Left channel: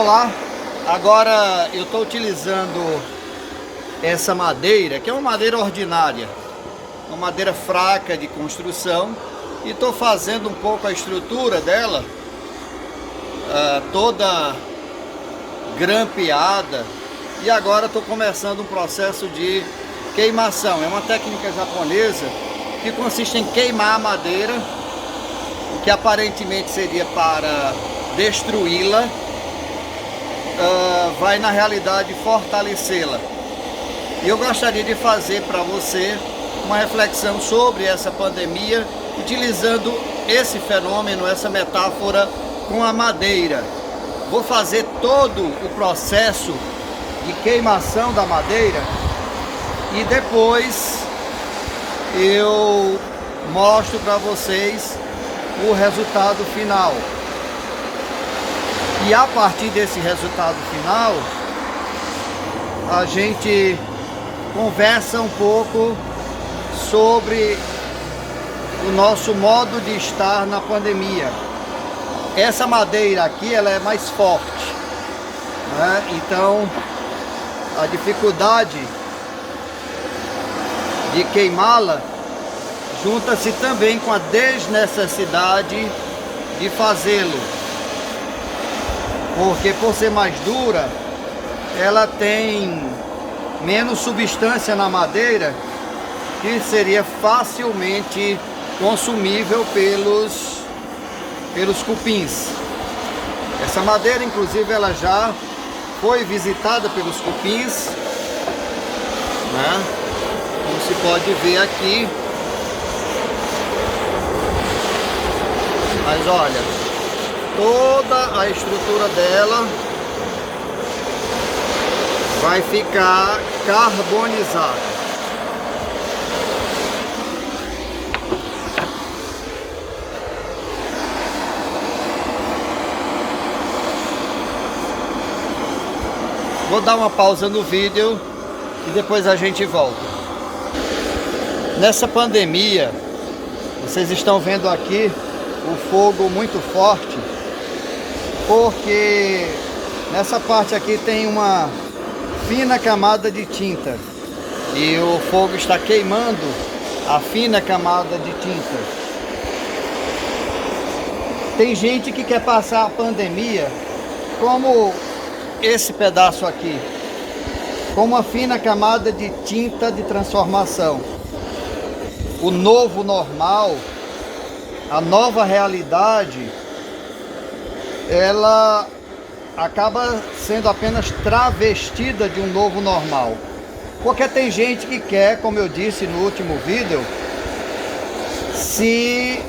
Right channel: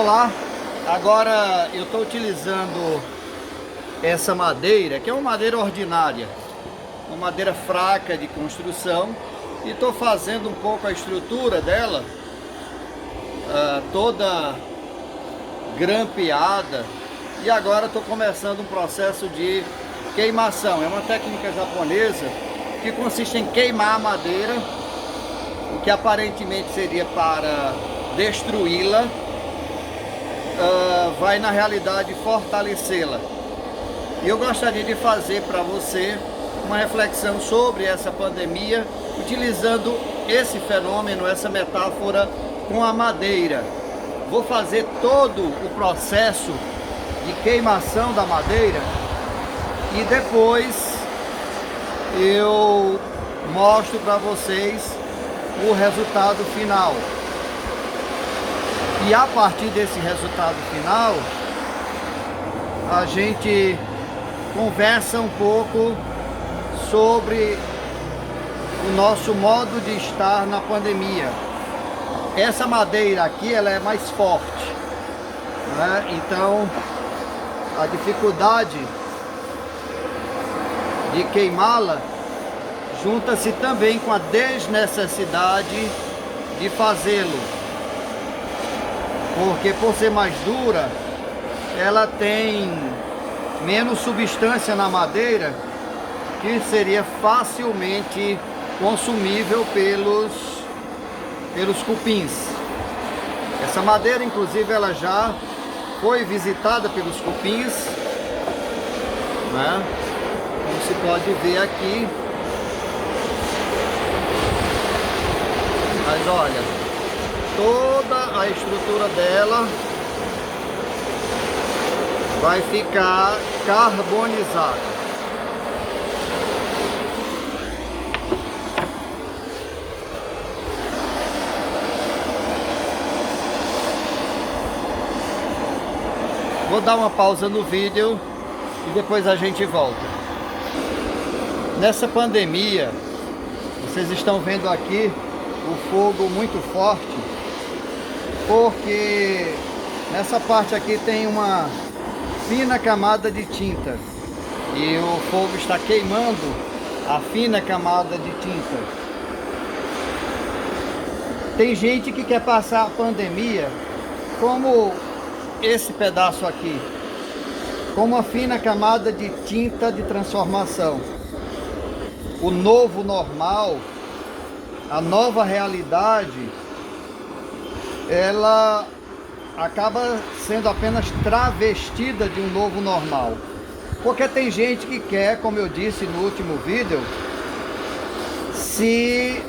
Olá, agora eu estou utilizando essa madeira, que é uma madeira ordinária, uma madeira fraca de construção, e estou fazendo um pouco a estrutura dela, toda grampeada, e agora estou começando um processo de queimação. É uma técnica japonesa que consiste em queimar a madeira, o que aparentemente seria para destruí-la, vai na realidade fortalecê-la. E eu gostaria de fazer para você uma reflexão sobre essa pandemia, utilizando esse fenômeno, essa metáfora com a madeira. Vou fazer todo o processo de queimação da madeira e depois eu mostro para vocês o resultado final. E a partir desse resultado final, a gente conversa um pouco sobre o nosso modo de estar na pandemia. Essa madeira aqui, ela é mais forte, né? Então, a dificuldade de queimá-la junta-se também com a desnecessidade de fazê-lo, porque por ser mais dura, ela tem menos substância na madeira, que seria facilmente consumível pelos cupins. Essa madeira, inclusive, ela já foi visitada pelos cupins, né? Como se pode ver aqui. Mas olha, toda a estrutura dela vai ficar carbonizada. Vou dar uma pausa no vídeo e depois a gente volta. Nessa pandemia, vocês estão vendo aqui o fogo muito forte, porque nessa parte aqui tem uma fina camada de tinta e o fogo está queimando a fina camada de tinta. Tem gente que quer passar a pandemia como esse pedaço aqui, com uma fina camada de tinta de transformação. O novo normal, a nova realidade, ela acaba sendo apenas travestida de um novo normal. Porque tem gente que quer, como eu disse no último vídeo, se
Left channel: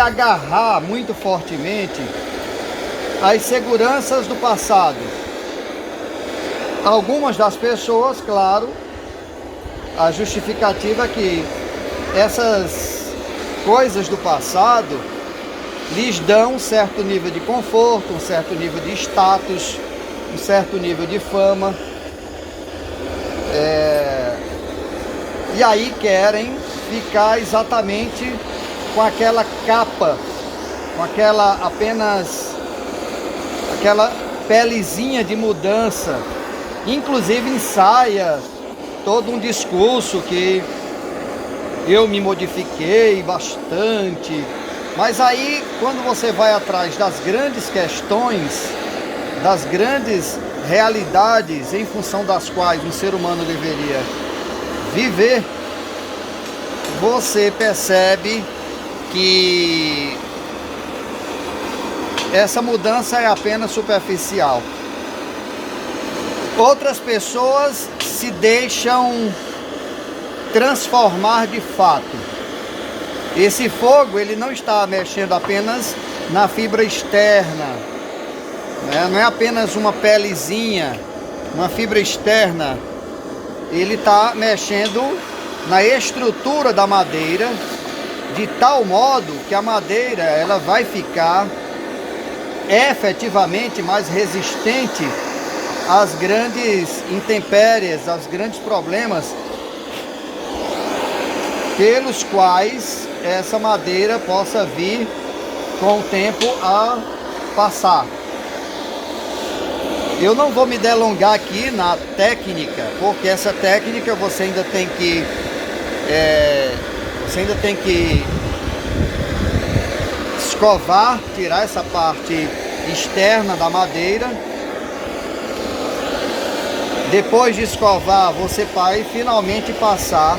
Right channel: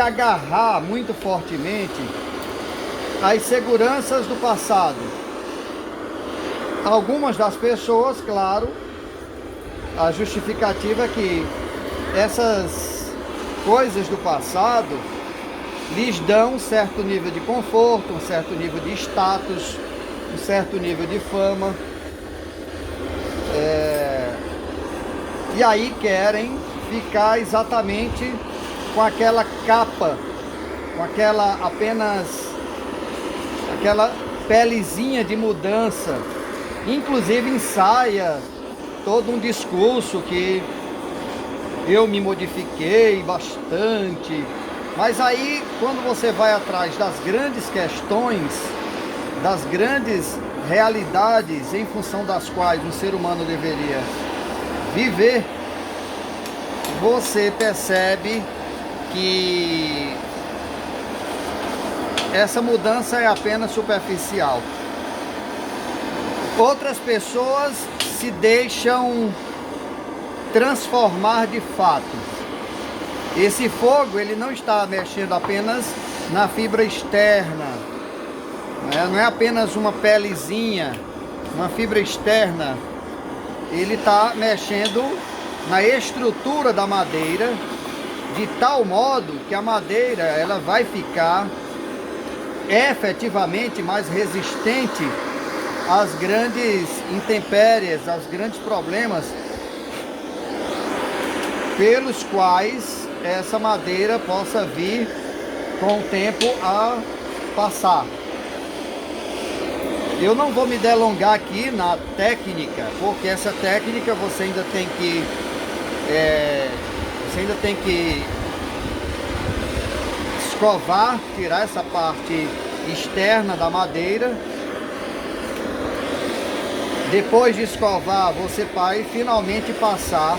agarrar muito fortemente às seguranças do passado. Algumas das pessoas, claro, a justificativa é que essas coisas do passado lhes dão um certo nível de conforto, um certo nível de status, um certo nível de fama. E aí querem ficar exatamente com aquela capa, com aquela pelezinha de mudança. Inclusive ensaia todo um discurso que eu me modifiquei bastante. Mas aí, quando você vai atrás das grandes questões, das grandes realidades em função das quais um ser humano deveria viver, você percebe que essa mudança é apenas superficial. Outras pessoas se deixam transformar de fato. Esse fogo, ele não está mexendo apenas na fibra externa, né? Não é apenas uma pelezinha, uma fibra externa. Ele está mexendo na estrutura da madeira, de tal modo que a madeira ela vai ficar efetivamente mais resistente às grandes intempéries, aos grandes problemas pelos quais essa madeira possa vir com o tempo a passar. Eu não vou me delongar aqui na técnica, porque essa técnica você ainda tem que escovar, tirar essa parte externa da madeira. Depois de escovar, você vai finalmente passar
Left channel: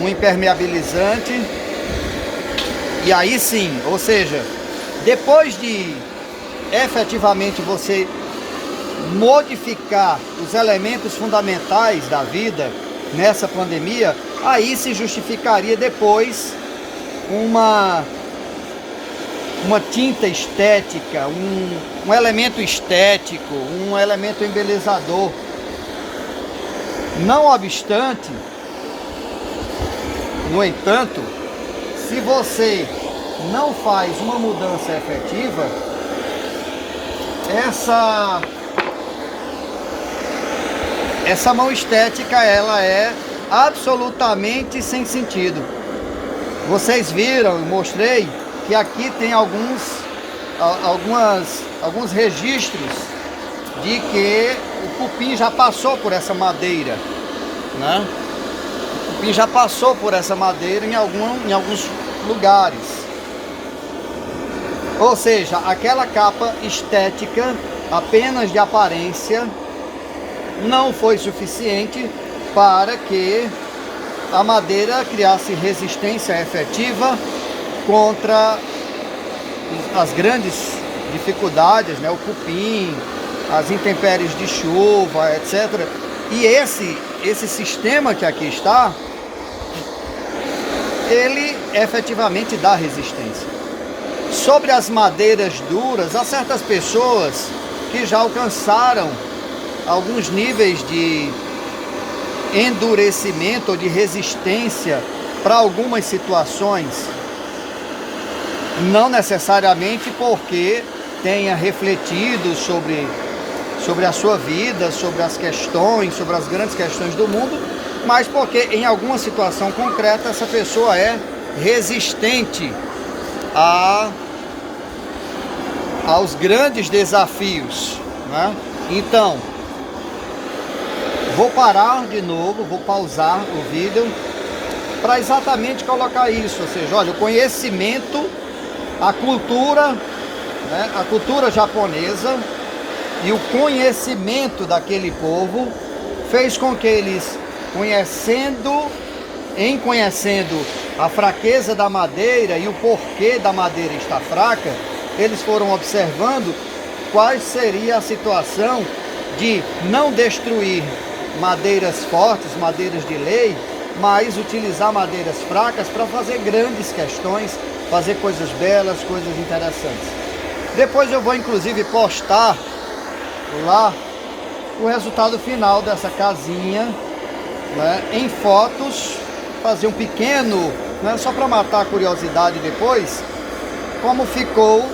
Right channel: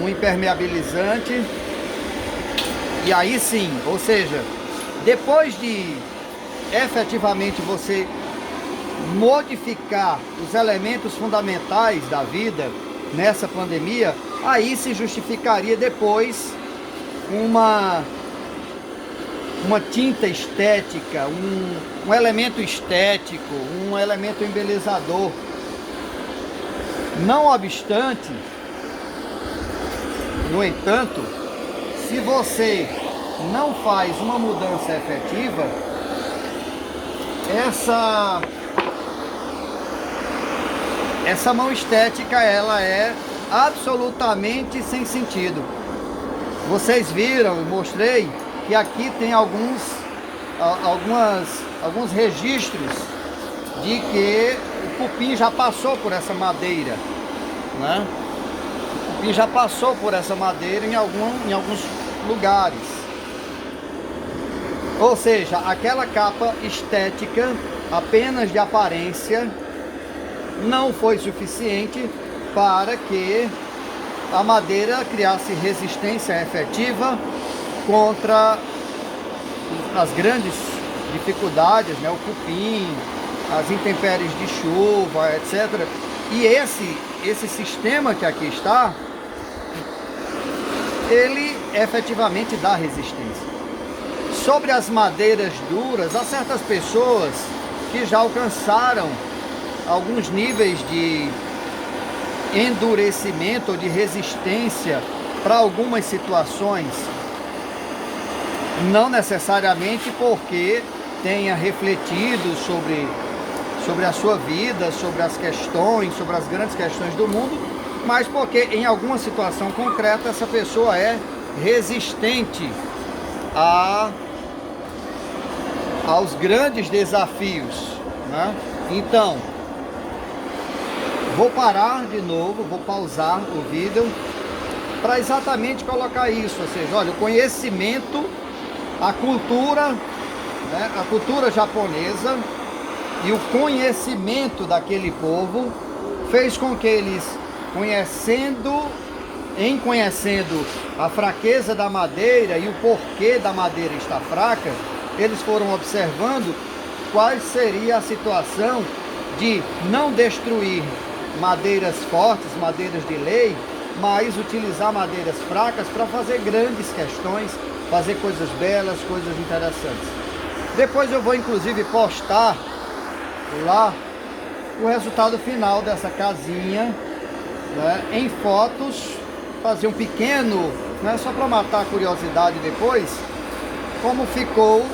um impermeabilizante. E aí sim, ou seja, depois de efetivamente você modificar os elementos fundamentais da vida nessa pandemia, aí se justificaria depois uma tinta estética, um elemento estético, um elemento embelezador. Não obstante, no entanto, se você não faz uma mudança efetiva, essa mão estética ela é absolutamente sem sentido. Vocês viram, eu mostrei que aqui tem alguns registros de que o cupim já passou por essa madeira, né? O cupim já passou por essa madeira em alguns lugares. Ou seja, aquela capa estética apenas de aparência não foi suficiente para que a madeira criasse resistência efetiva contra as grandes dificuldades, né? O cupim, as intempéries de chuva, etc. E esse sistema que aqui está, ele efetivamente dá resistência. Sobre as madeiras duras, há certas pessoas que já alcançaram alguns níveis de endurecimento ou de resistência para algumas situações, não necessariamente porque tenha refletido sobre a sua vida, sobre as questões, sobre as grandes questões do mundo, mas porque em alguma situação concreta essa pessoa é resistente aos grandes desafios, né? Então, vou parar de novo, vou pausar o vídeo para exatamente colocar isso, ou seja, olha, o conhecimento, a cultura, né, a cultura japonesa e o conhecimento daquele povo fez com que eles, conhecendo a fraqueza da madeira e o porquê da madeira estar fraca, eles foram observando qual seria a situação de não destruir madeiras fortes, madeiras de lei, mas utilizar madeiras fracas para fazer grandes questões, fazer coisas belas, coisas interessantes. Depois eu vou inclusive postar lá o resultado final dessa casinha, né, em fotos, fazer um pequeno, né, só para matar a curiosidade depois, como ficou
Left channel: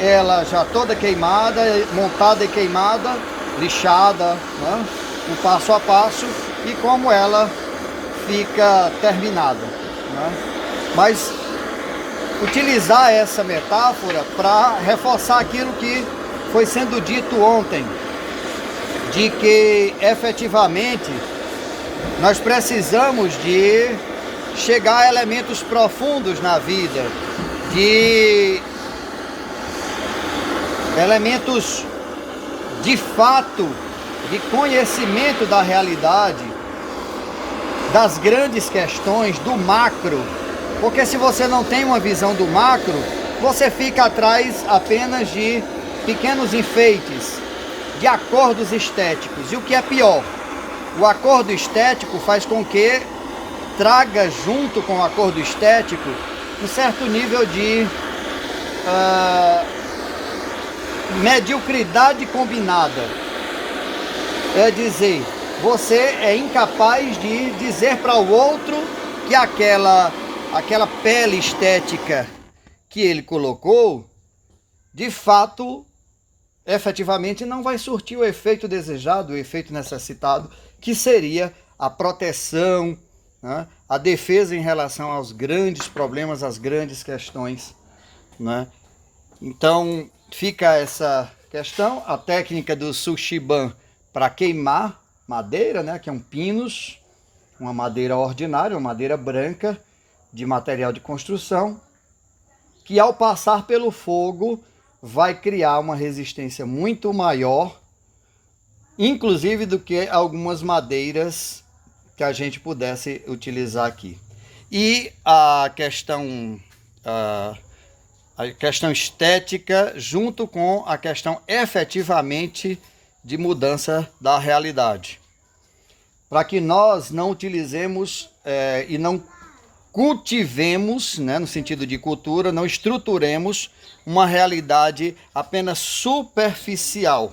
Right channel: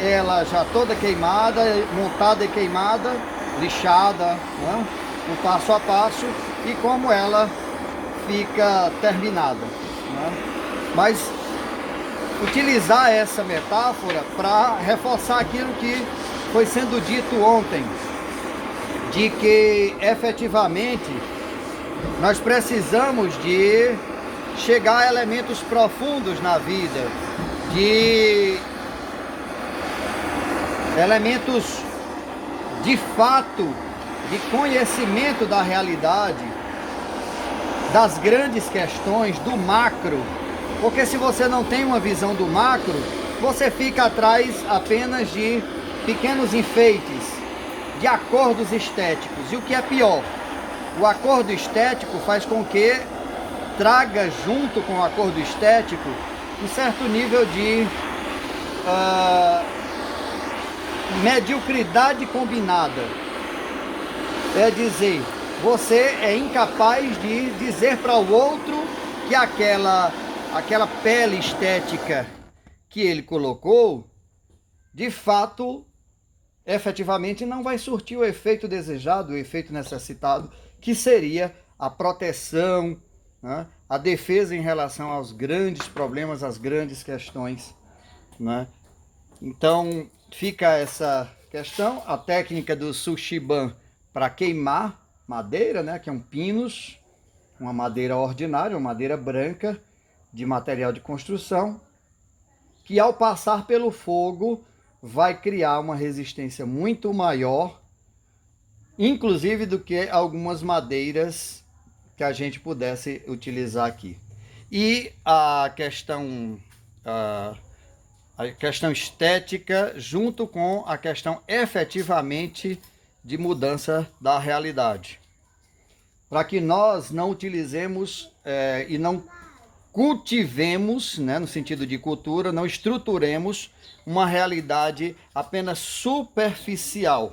ela já toda queimada, montada e queimada, lixada, né, um passo a passo, e como ela fica terminada, né? Mas utilizar essa metáfora para reforçar aquilo que foi sendo dito ontem, de que efetivamente nós precisamos de chegar a elementos profundos na vida, de elementos de fato, de conhecimento da realidade, das grandes questões, do macro, porque se você não tem uma visão do macro, você fica atrás apenas de pequenos enfeites, de acordos estéticos. E o que é pior, o acordo estético faz com que traga junto com o acordo estético um certo nível de mediocridade combinada. É dizer, você é incapaz de dizer para o outro que aquela pele estética que ele colocou, de fato, efetivamente não vai surtir o efeito desejado, o efeito necessitado, que seria a proteção, né, a defesa em relação aos grandes problemas, às grandes questões, né? Então fica questão. A técnica do Sushiban para queimar madeira, né, que é um pinus, uma madeira ordinária, uma madeira branca de material de construção, que ao passar pelo fogo vai criar uma resistência muito maior, inclusive do que algumas madeiras que a gente pudesse utilizar aqui. E a questão estética junto com a questão efetivamente de mudança da realidade. Para que nós não utilizemos e não cultivemos, né, no sentido de cultura, não estruturemos uma realidade apenas superficial,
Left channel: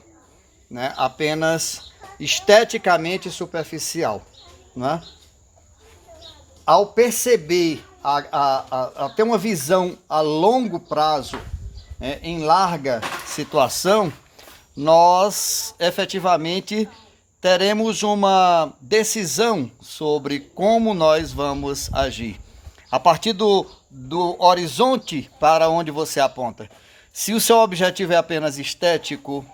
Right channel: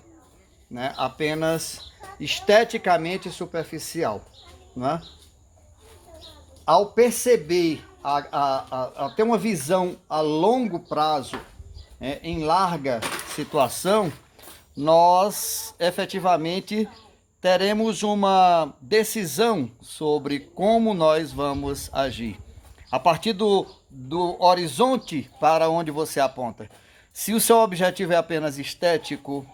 né, apenas esteticamente superficial, né? Ao perceber, a ter uma visão a longo prazo, em larga situação, nós efetivamente teremos uma decisão sobre como nós vamos agir. A partir do horizonte para onde você aponta. Se o seu objetivo é apenas estético,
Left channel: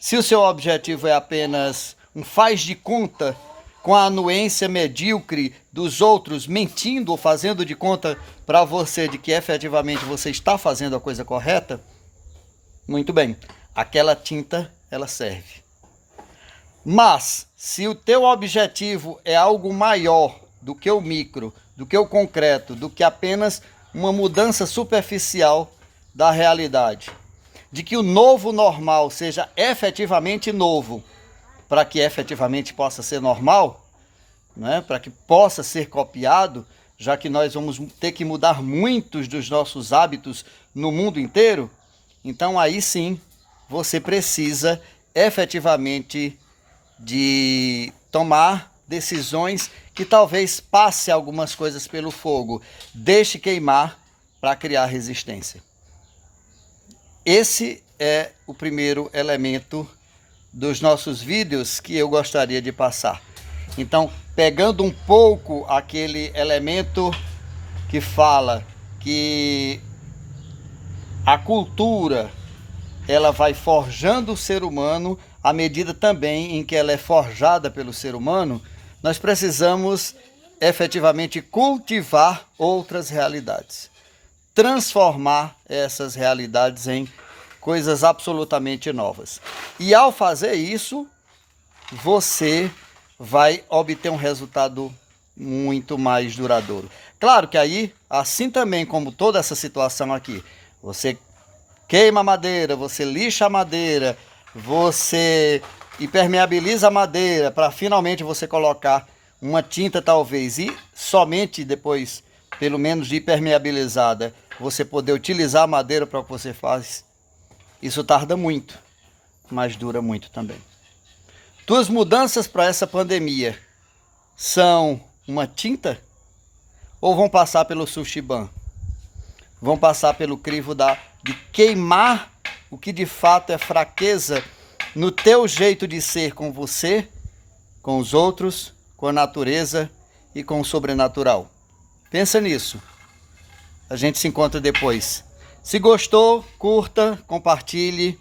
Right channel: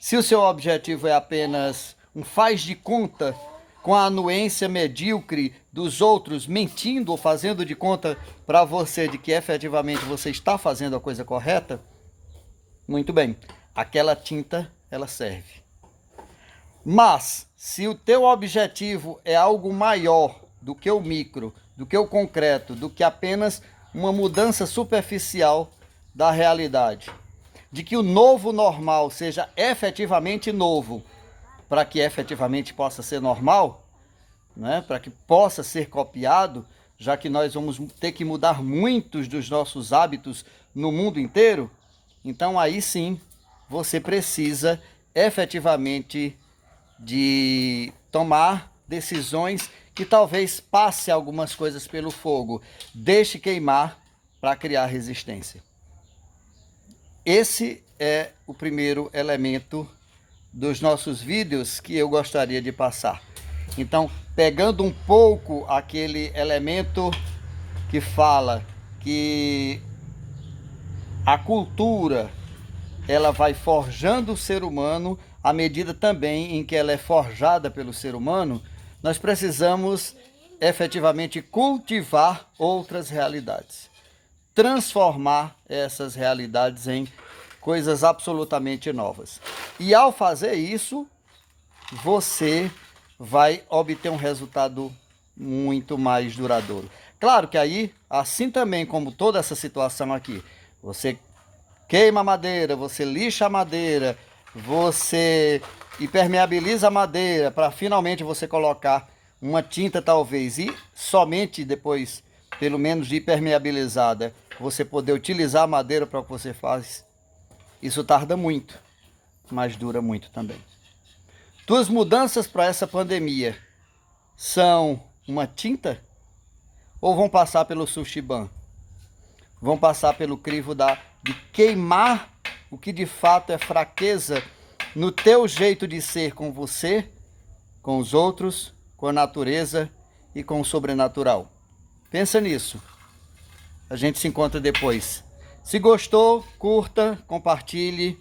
se o seu objetivo é apenas um faz de conta com a anuência medíocre dos outros, mentindo ou fazendo de conta para você de que efetivamente você está fazendo a coisa correta, muito bem, aquela tinta ela serve. Mas, se o teu objetivo é algo maior do que o micro, do que o concreto, do que apenas uma mudança superficial da realidade, de que o novo normal seja efetivamente novo, para que efetivamente possa ser normal, né? Para que possa ser copiado, já que nós vamos ter que mudar muitos dos nossos hábitos no mundo inteiro, então aí sim você precisa efetivamente de tomar decisões que talvez passe algumas coisas pelo fogo, deixe queimar para criar resistência. Esse é o primeiro elemento dos nossos vídeos que eu gostaria de passar. Então, pegando um pouco aquele elemento que fala que a cultura ela vai forjando o ser humano, à medida também em que ela é forjada pelo ser humano, nós precisamos efetivamente cultivar outras realidades, transformar essas realidades em coisas absolutamente novas. E ao fazer isso, você vai obter um resultado muito mais duradouro. Claro que aí, assim também como toda essa situação aqui, você queima a madeira, você lixa a madeira, você impermeabiliza a madeira para finalmente você colocar uma tinta talvez e somente depois, pelo menos de impermeabilizada, você poder utilizar a madeira para o que você faz. Isso tarda muito, mas dura muito também. Tuas mudanças para essa pandemia são uma tinta ou vão passar pelo Sushiban? Vão passar pelo crivo de queimar o que de fato é fraqueza no teu jeito de ser com você, com os outros, com a natureza e com o sobrenatural. Pensa nisso. A gente se encontra depois. Se gostou, curta, compartilhe,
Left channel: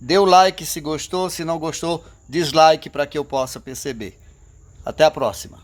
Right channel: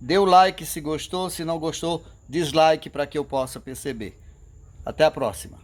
dê o like se gostou, se não gostou, dislike para que eu possa perceber. Até a próxima.